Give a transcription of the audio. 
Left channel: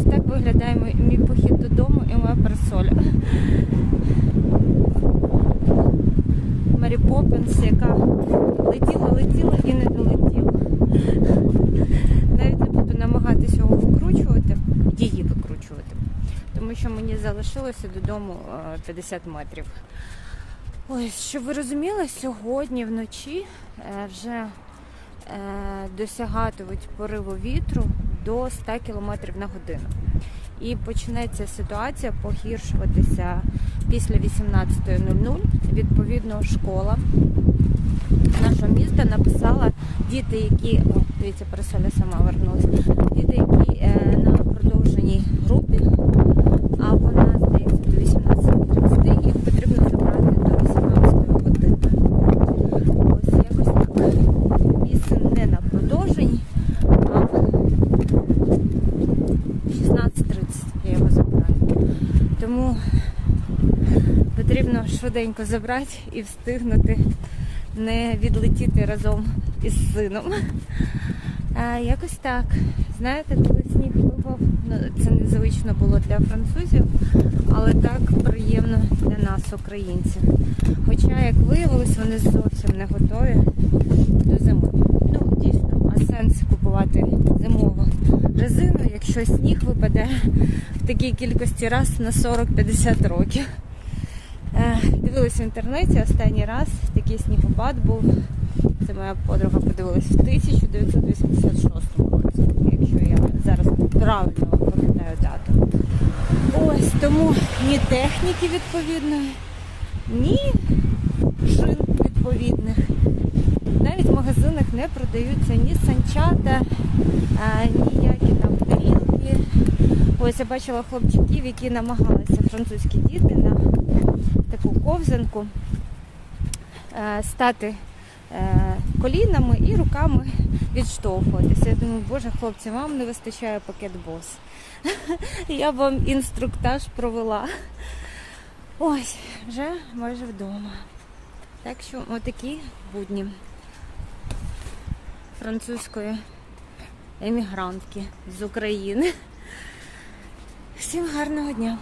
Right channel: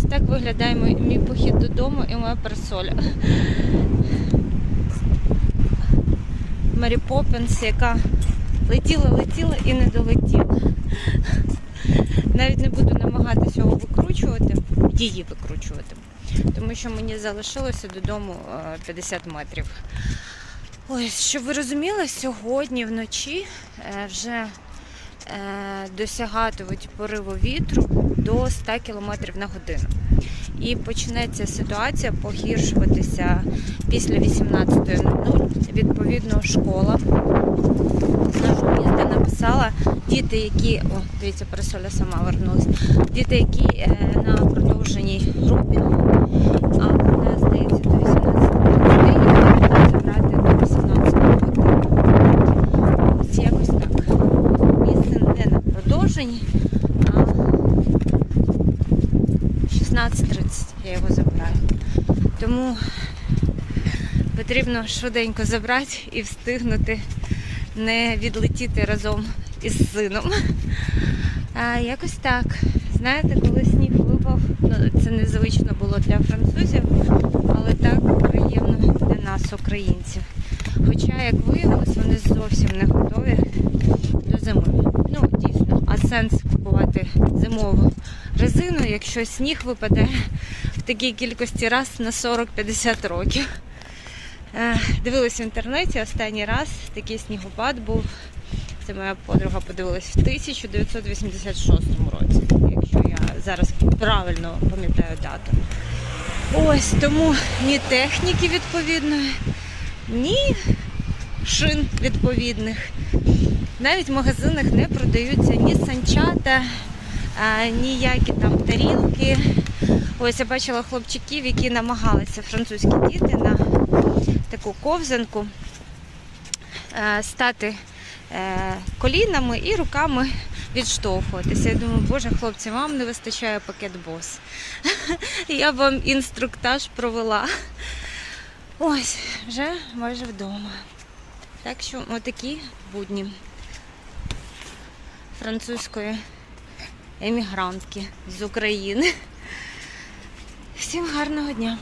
Ось так виглядає мій, похід додому і моя парасоля. Мері Поппінс, яка летіла, летіла і не долетіла. Навіть не буду намагатися його викручувати, її викручувати, тому що мені залишилося додому е, 50 метрів. Ось, щоб ви розуміли, сьогодні вночі е, вже е, досягатимуть пориву вітру до 100 км на годину. І почнеться ситуація погіршуватися після 18.00. Відповідно, школа нашого міста написала діти, які о, дивіться, парасоля сама вернулась. Діти, які е, на продовженій групі, а вона здається до 18.30 і можна забрати до 18 години. Ось якось так. Мій син не на продовженні, а 16.30 я його забираю. Тому потрібно швиденько забрати і встигнути не відлетіти разом із сином. А, якось так. Знаєте, коли сніг випав, ну, це незвично було для французів, але так приємно нас, українців. Хоча, як виявилось, вони зовсім не готові до зими. Ну, дійсно, а сенс купувати зимову резину, якщо сніг випаде в такій кількості раз на 40-50 років. Е, Дивилась в інтернеті останній раз такий снігопад був. Це моя подруга подивилась в 1986 році, якщо я зараз правильно пам'ятаю дату. Ось тому ні техніки відповідної, ні шин відповідних. Навіть в магазинах не продаються ні санчата, ніякі там тарілки. Ось я бачила хлопчиків, які намагалися французькі діти на таку ковзанку стати е, колінами і руками відштовхуватися. Я думаю, боже, хлопці, вам не вистачає пакет бос. Я вам інструктаж провела. Ось, вже майже вдома. Так що отакі будні французької емігрантки з України. Всім гарного дня!